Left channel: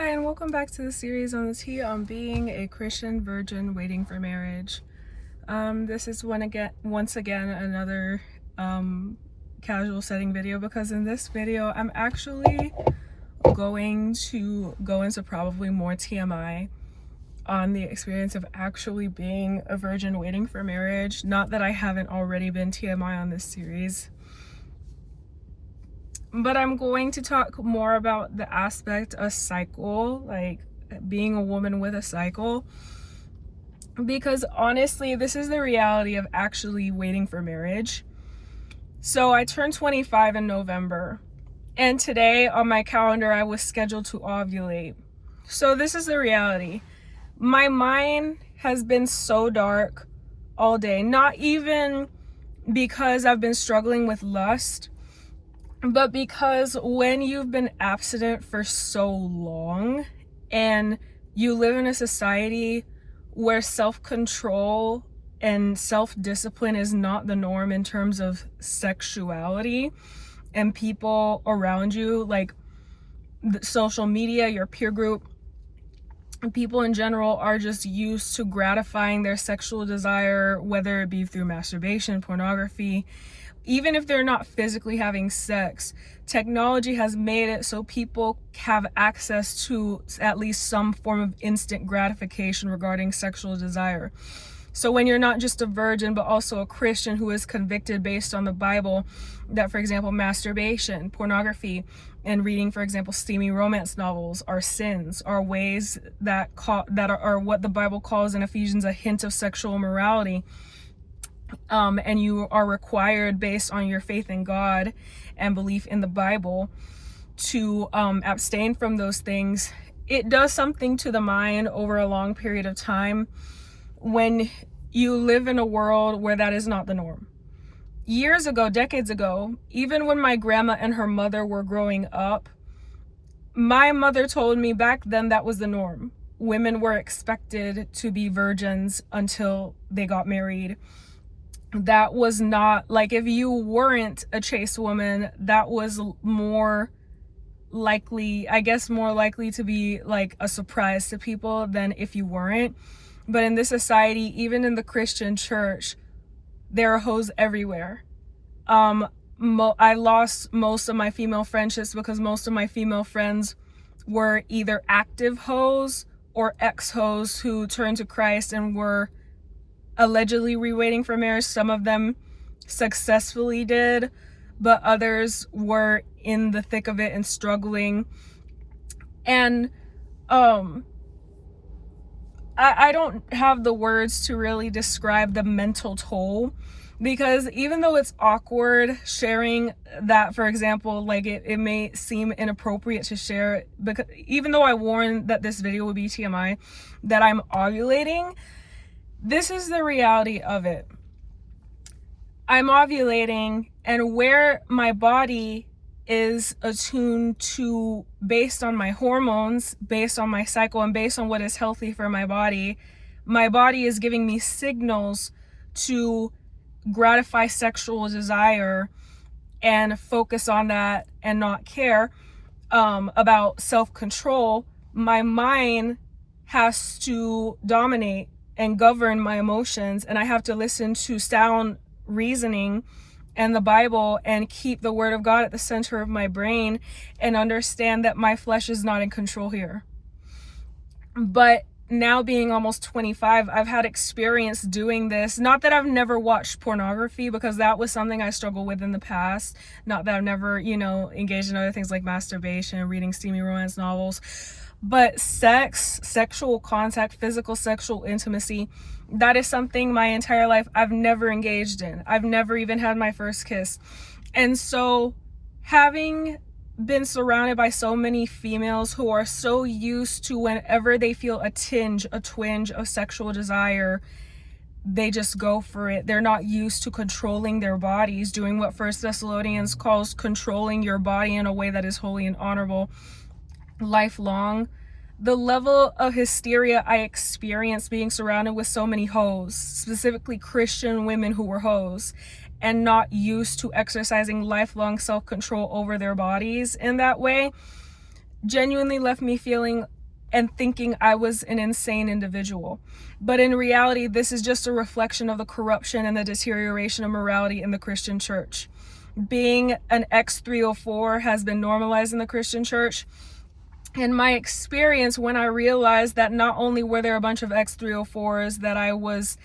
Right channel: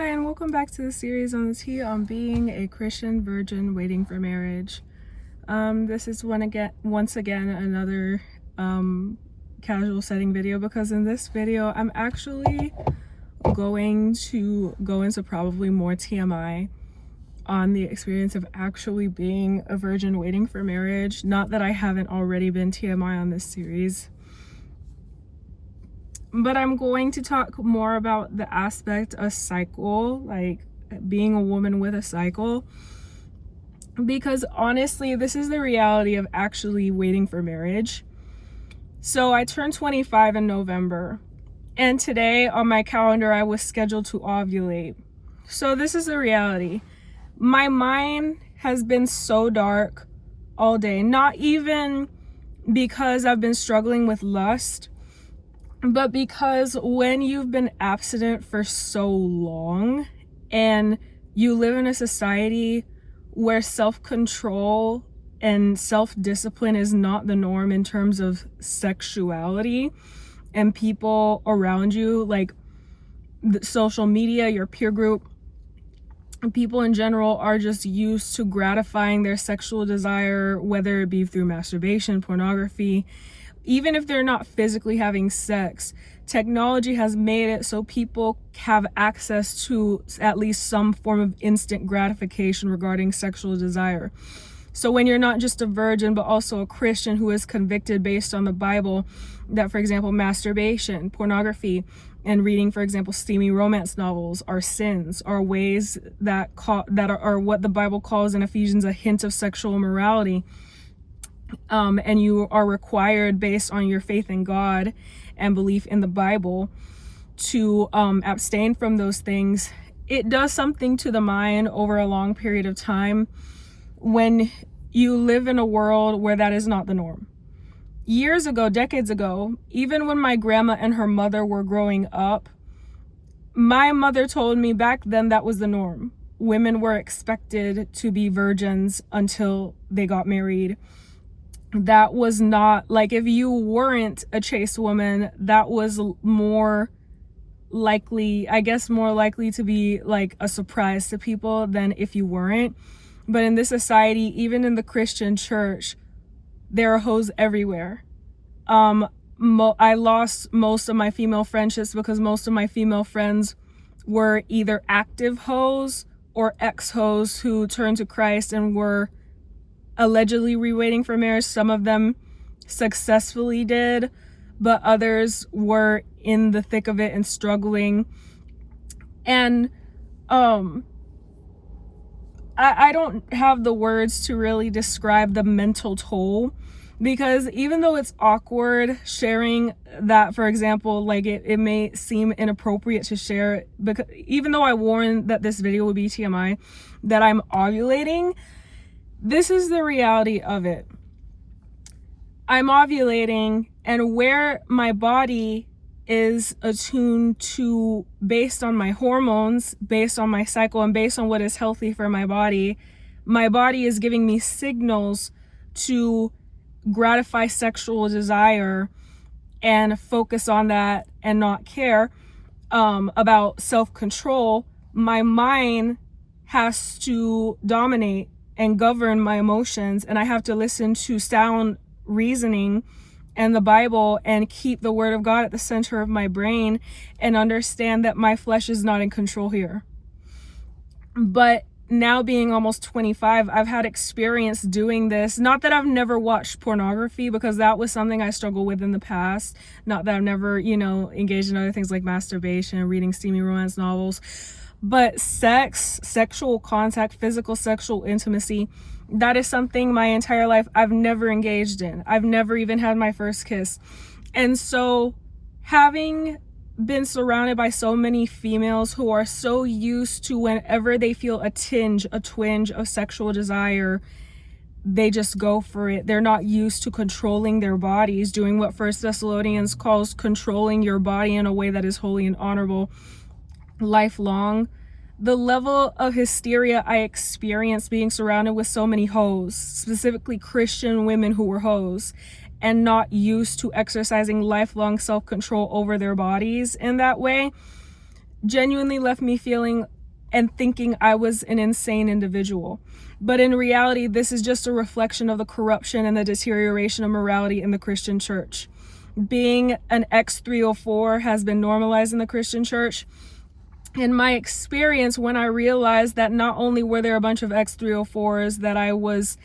Hi, and welcome back to the series on the T on being a Christian virgin waiting for marriage. This is once again another casual setting video, because in this video I'm actually going to go into probably more TMI on the experience of actually being a virgin waiting for marriage. Not that I haven't already been TMI on this series, but I'm going to talk more about the aspect of cycle, like being a woman with a cycle, because honestly, this is the reality of actually waiting for marriage. So I turned 25 in November, and today on my calendar, I was scheduled to ovulate. So this is the reality. My mind has been so dark all day, not even because I've been struggling with lust, but because when you've been abstinent for so long and you live in a society where self-control and self-discipline is not the norm in terms of sexuality, and people around you, like the social media, your peer group, people in general are just used to gratifying their sexual desire, whether it be through masturbation, pornography. Even if they're not physically having sex, technology has made it so people have access to at least some form of instant gratification regarding sexual desire. So when you're not just a virgin, but also a Christian who is convicted based on the Bible that, for example, masturbation, pornography, and reading, for example, steamy romance novels are sins, are ways that are what the Bible calls in Ephesians a hint of sexual immorality. And you are required, based on your faith in God and belief in the Bible, to abstain from those things. It does something to the mind over a long period of time when you live in a world where that is not the norm. Years ago, decades ago, even when my grandma and her mother were growing up, my mother told me back then that was the norm. Women were expected to be virgins until they got married. That was not, like, if you weren't a chaste woman, that was more likely to be like a surprise to people than if you weren't. But in this society, even in the Christian church, there are hoes everywhere. I lost most of my female friendships because most of my female friends were either active hoes or ex-hoes who turned to Christ and were allegedly waiting for marriage. Some of them successfully did, but others were in the thick of it and struggling. And I don't have the words to really describe the mental toll, because even though it's awkward sharing that, for example, like it may seem inappropriate to share it, because even though I warned that this video would be TMI, that I'm ovulating, this is the reality of it. I'm ovulating, and where my body is attuned to, based on my hormones, based on my cycle, and based on what is healthy for my body is giving me signals to gratify sexual desire and focus on that and not care about self-control. My mind has to dominate and govern my emotions, and I have to listen to sound reasoning and the Bible and keep the Word of God at the center of my brain and understand that my flesh is not in control here. But now, being almost 25, I've had experience doing this. Not that I've never watched pornography, because that was something I struggled with in the past. Not that I've never, engaged in other things like masturbation, reading steamy romance novels. But sex, sexual contact, physical sexual intimacy, that is something my entire life I've never engaged in. I've never even had my first kiss. And so, having been surrounded by so many females who are so used to, whenever they feel a twinge of sexual desire, they just go for it. They're not used to controlling their bodies, doing what 1 Thessalonians calls controlling your body in a way that is holy and honorable, lifelong. The level of hysteria I experienced being surrounded with so many hoes, specifically Christian women who were hoes, and not used to exercising lifelong self-control over their bodies in that way, genuinely left me feeling and thinking I was an insane individual. But in reality, this is just a reflection of the corruption and the deterioration of morality in the Christian church. Being an X304 has been normalized in the Christian church. In my experience, when I realized that not only were there a bunch of X304s that I was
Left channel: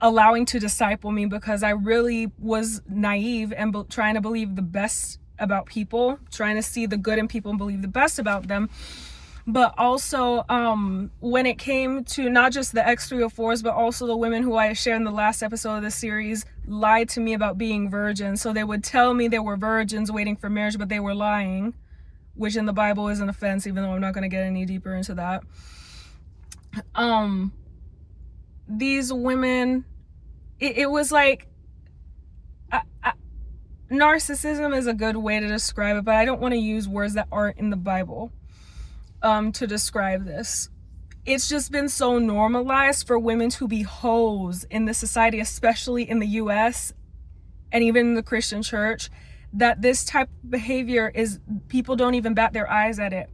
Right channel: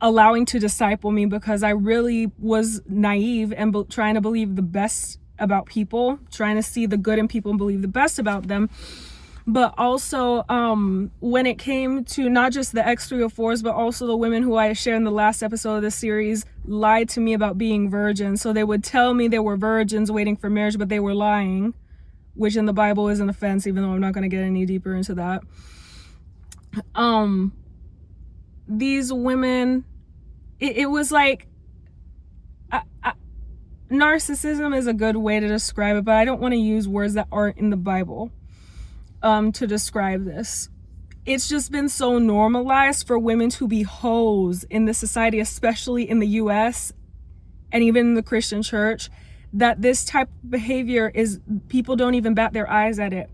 allowing to disciple me because I really was naive and trying to believe the best about people, trying to see the good in people and believe the best about them. But also when it came to not just the X304s, but also the women who I shared in the last episode of this series lied to me about being virgins. So they would tell me they were virgins waiting for marriage, but they were lying, which in the Bible is an offense, even though I'm not going to get any deeper into that. These women, it was like, narcissism is a good way to describe it, but I don't want to use words that aren't in the Bible to describe this. It's just been so normalized for women to be hoes in this society, especially in the US and even in the Christian church, that this type of behavior is, people don't even bat their eyes at it.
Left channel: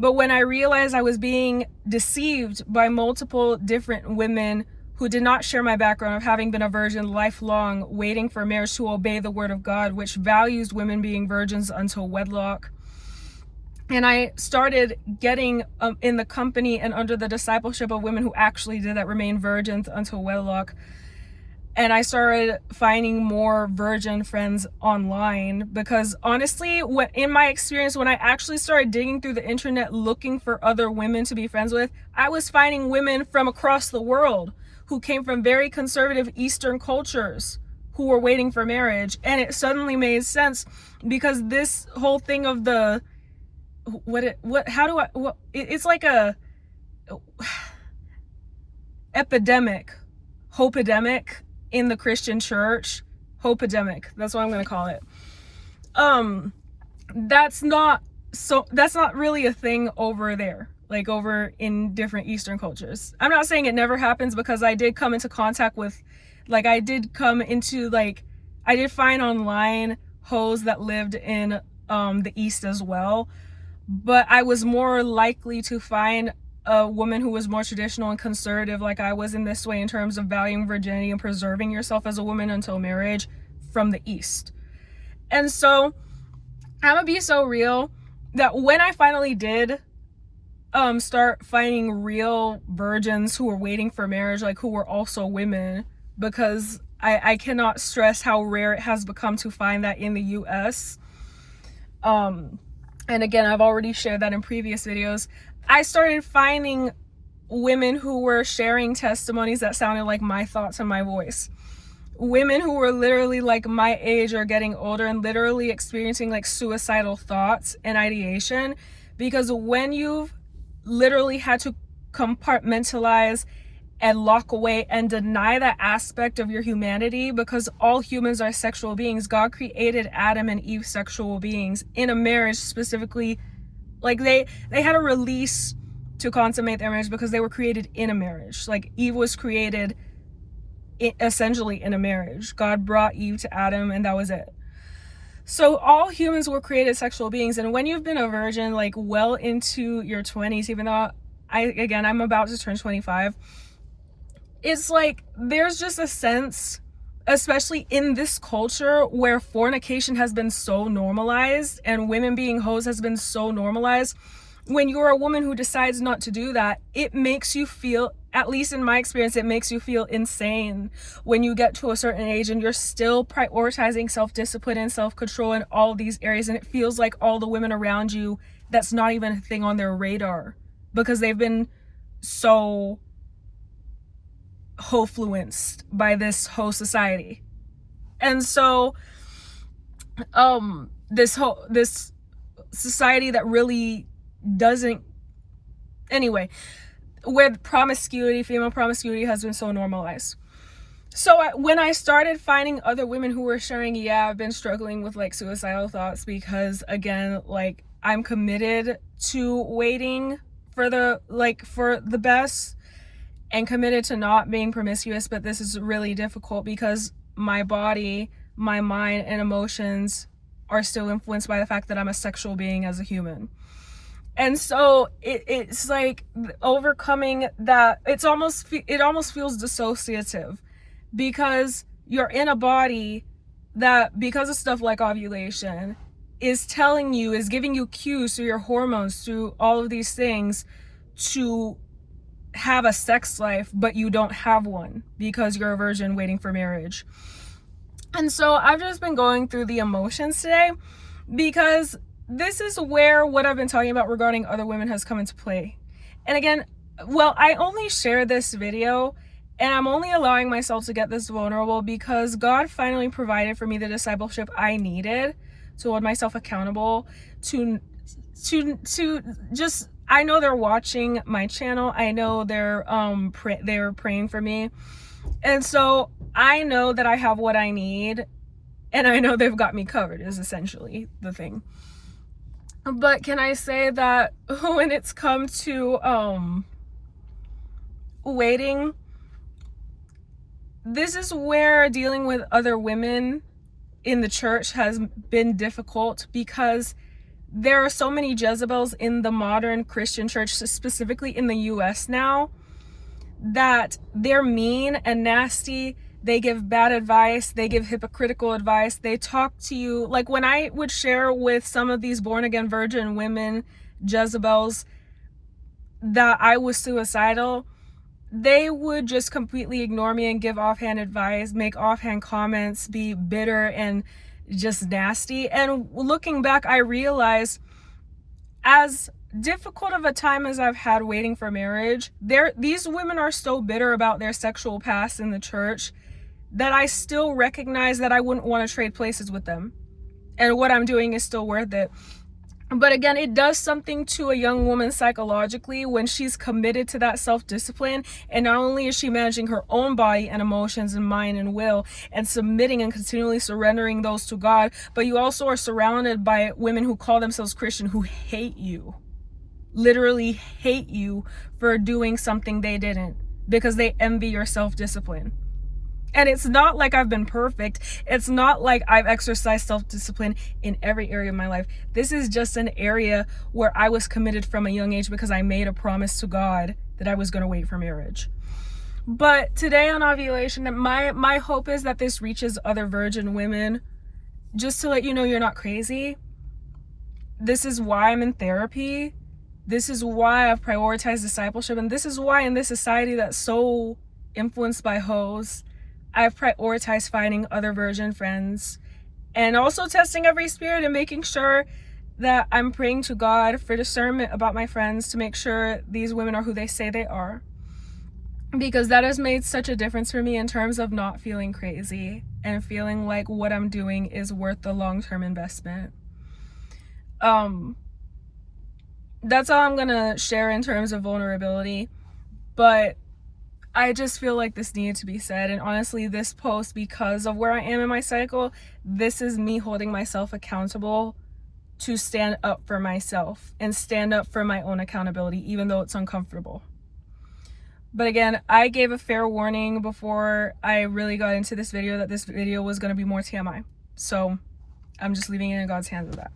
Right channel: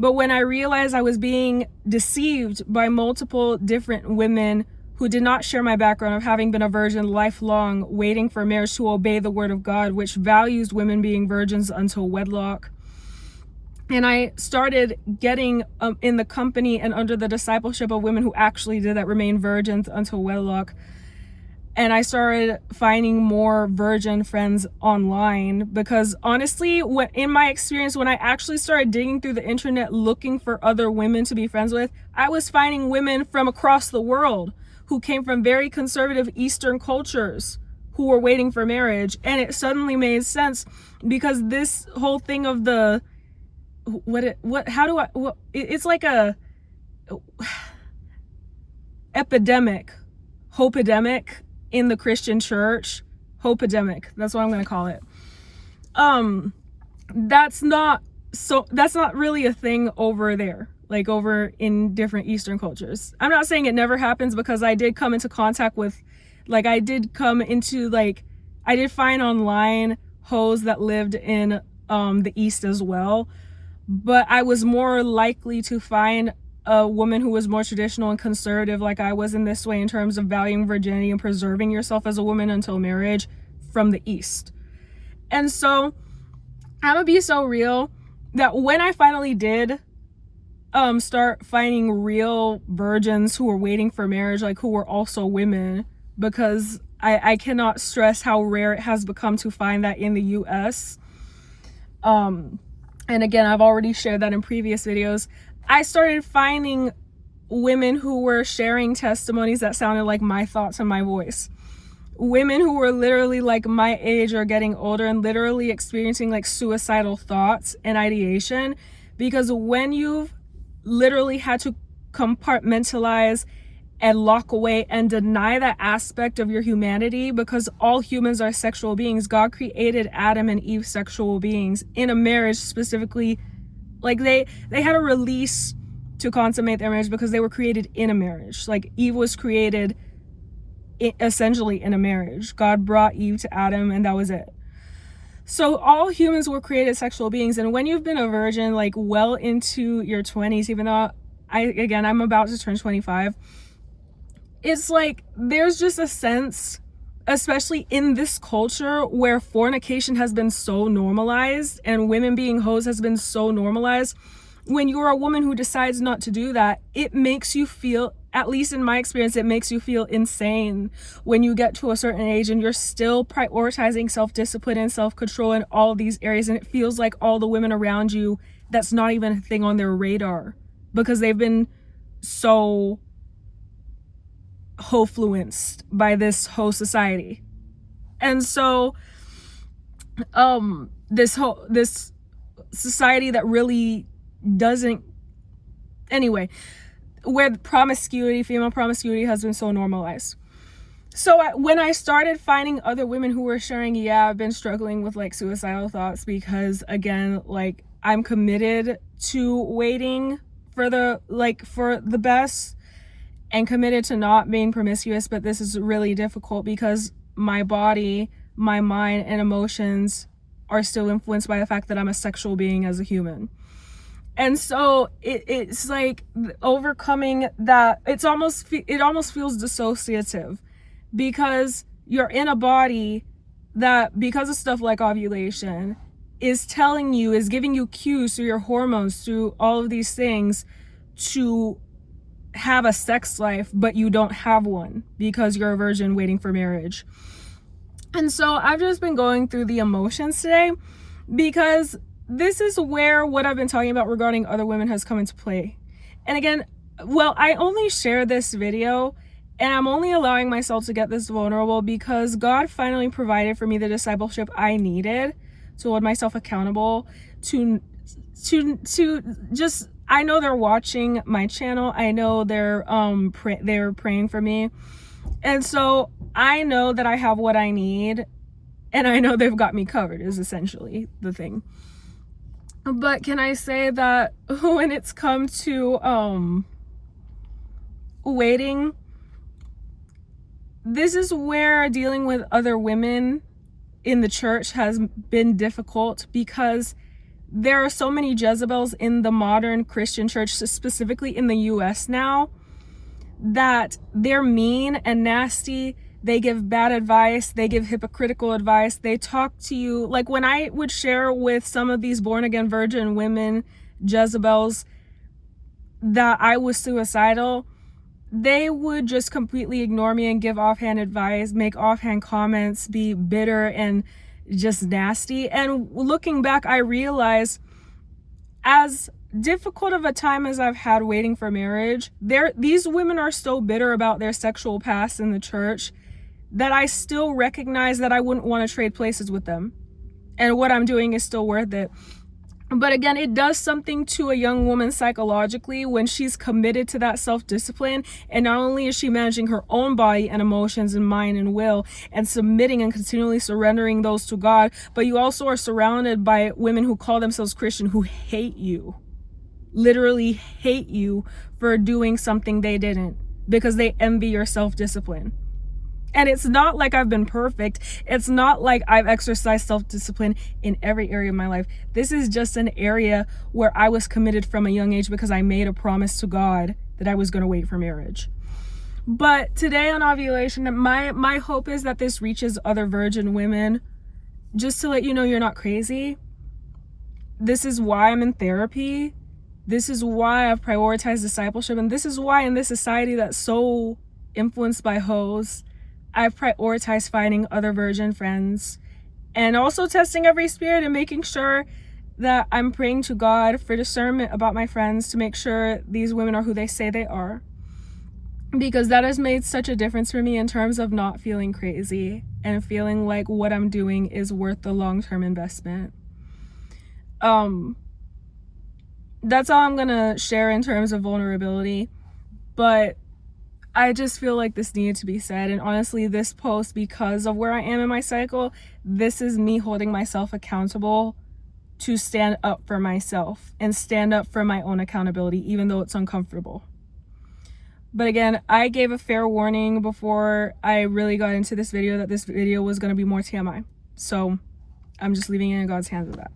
But when I realized I was being deceived by multiple different women who did not share my background of having been a virgin lifelong, waiting for marriage to obey the word of God, which values women being virgins until wedlock. And I started getting in the company and under the discipleship of women who actually did that, remain virgins until wedlock. And I started finding more virgin friends online because honestly, in my experience, when I actually started digging through the internet looking for other women to be friends with, I was finding women from across the world who came from very conservative Eastern cultures who were waiting for marriage. And it suddenly made sense because this whole thing of the, it's like a epidemic, hope-epidemic in the Christian church. Hope-epidemic, that's what I'm going to call it. That's not really a thing over there, like over in different Eastern cultures. I'm not saying it never happens, because I did come into contact with, I did find online hoes that lived in the East as well. But I was more likely to find a woman who was more traditional and conservative like I was in this way in terms of valuing virginity and preserving yourself as a woman until marriage from the East. And so I'm gonna be so real that when I finally did start finding real virgins who were waiting for marriage, who were also women, because I cannot stress how rare it has become to find that in the US. And again, I've already shared that in previous videos. I started finding women who were sharing testimonies that sounded like my thoughts and my voice. Women who were literally my age or getting older and literally experiencing suicidal thoughts and ideation. Because when you've literally had to compartmentalize and lock away and deny that aspect of your humanity, because all humans are sexual beings. God created Adam and Eve sexual beings in a marriage specifically. They had a release to consummate their marriage because they were created in a marriage. Eve was created essentially in a marriage. God brought Eve to Adam and that was it. So all humans were created sexual beings. And when you've been a virgin well into your 20s, even though I'm about to turn 25, it's there's just a sense, especially in this culture where fornication has been so normalized and women being hoes has been so normalized. When you're a woman who decides not to do that, it makes you feel, at least in my experience, it makes you feel insane when you get to a certain age and you're still prioritizing self-discipline and self-control in all these areas. And it feels like all the women around you, that's not even a thing on their radar because they've been so ho-fluenced by this whole society. And so this society that really doesn't, anyway, where female promiscuity has been so normalized. So when I started finding other women who were sharing, I've been struggling with suicidal thoughts because again, I'm committed to waiting for the best and committed to not being promiscuous, but this is really difficult because my body, my mind, and emotions are still influenced by the fact that I'm a sexual being as a human. And so it's like overcoming that. It almost feels dissociative, because you're in a body that, because of stuff like ovulation, is giving you cues through your hormones, through all of these things, to have a sex life, but you don't have one because you're a virgin waiting for marriage. And so I've just been going through the emotions today, because this is where what I've been talking about regarding other women has come into play. And again, well, I only share this video, and I'm only allowing myself to get this vulnerable because God finally provided for me the discipleship I needed to hold myself accountable, to just, I know they're watching my channel. I know they're praying for me. And so I know that I have what I need, and I know they've got me covered, is essentially the thing. But can I say that when it's come to waiting, this is where dealing with other women in the church has been difficult, because there are so many Jezebels in the modern Christian church, specifically in the US now, that they're mean and nasty. They give bad advice. They give hypocritical advice. They talk to you. Like when I would share with some of these born again virgin women, Jezebels, that I was suicidal, they would just completely ignore me and give offhand advice, make offhand comments, be bitter and just nasty. And looking back, I realized, as difficult of a time as I've had waiting for marriage, these women are so bitter about their sexual past in the church that I still recognize that I wouldn't want to trade places with them, and what I'm doing is still worth it. But again, it does something to a young woman psychologically when she's committed to that self-discipline, and not only is she managing her own body and emotions and mind and will and submitting and continually surrendering those to God, but you also are surrounded by women who call themselves Christian who hate you, literally hate you for doing something they didn't, because they envy your self-discipline. And it's not like I've been perfect. It's not like I've exercised self-discipline in every area of my life. This is just an area where I was committed from a young age because I made a promise to God that I was going to wait for marriage. But today on ovulation, my hope is that this reaches other virgin women, just to let you know you're not crazy. This is why I'm in therapy. This is why I've prioritized discipleship. And this is why in this society that's so influenced by hoes, I've prioritized finding other virgin friends, and also testing every spirit and making sure that I'm praying to God for discernment about my friends to make sure these women are who they say they are, because that has made such a difference for me in terms of not feeling crazy and feeling like what I'm doing is worth the long-term investment. That's all I'm gonna share in terms of vulnerability, but I just feel like this needed to be said. And honestly, this post, because of where I am in my cycle, this is me holding myself accountable to stand up for myself and stand up for my own accountability, even though it's uncomfortable. But again, I gave a fair warning before I really got into this video that this video was going to be more TMI. So I'm just leaving it in God's hands with that.